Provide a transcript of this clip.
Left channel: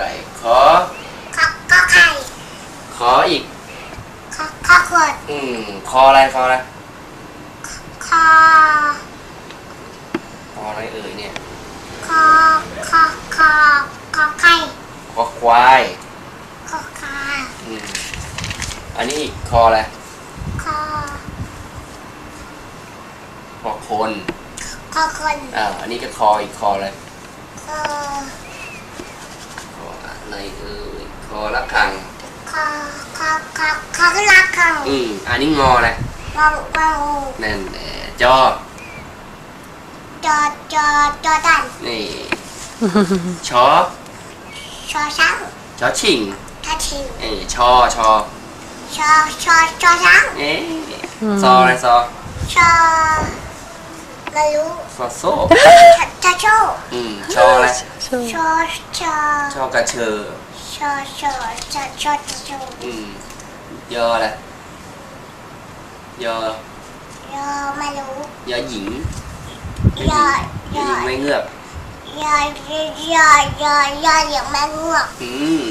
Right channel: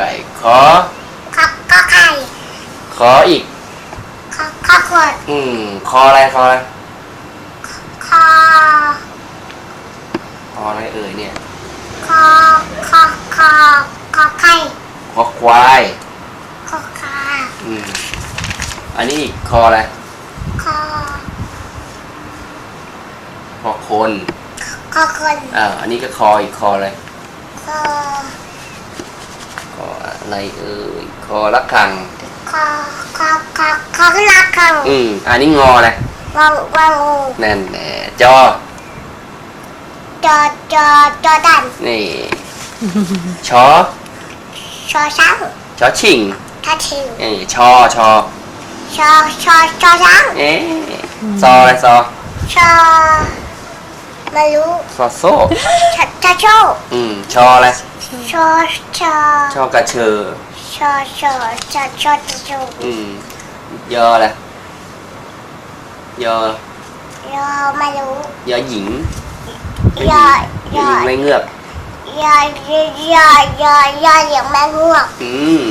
ไก่ ขอ ขอก็ไข่ขออีก ขอขอขวดอืม คออะไร คออะไร คอคออะไรเอ่ยเนี่ย คอคอคอขอไข่คอควาย ขอขาอืม อันนี้อีกคออะไร คอคอคน ขอคนอ่า อันนี้ก็คออีกคออะไรคอ ออะไรเอ่ยคอละคัง คอคอคอคอลักคังอืมอันนี้งออะไรวังวังนั่นแหละจอจอจอจอดันนี่ชอชอช้างชอชิงทัชิวเอ้ยชอชอชอชอชอช้างเอ๊ะซออะไรซอชอไม่รู้ซอโซ่ชอชอโชอืมชออะไร ชอชอชอกระเชอ ชอชอชอชอชออืม ยออะไรยอ ยอไม่รู้ยอหญิงยอยยอหญิงไม่เงือกยอยยอยยอยยอเหลียงแมงงวกอืม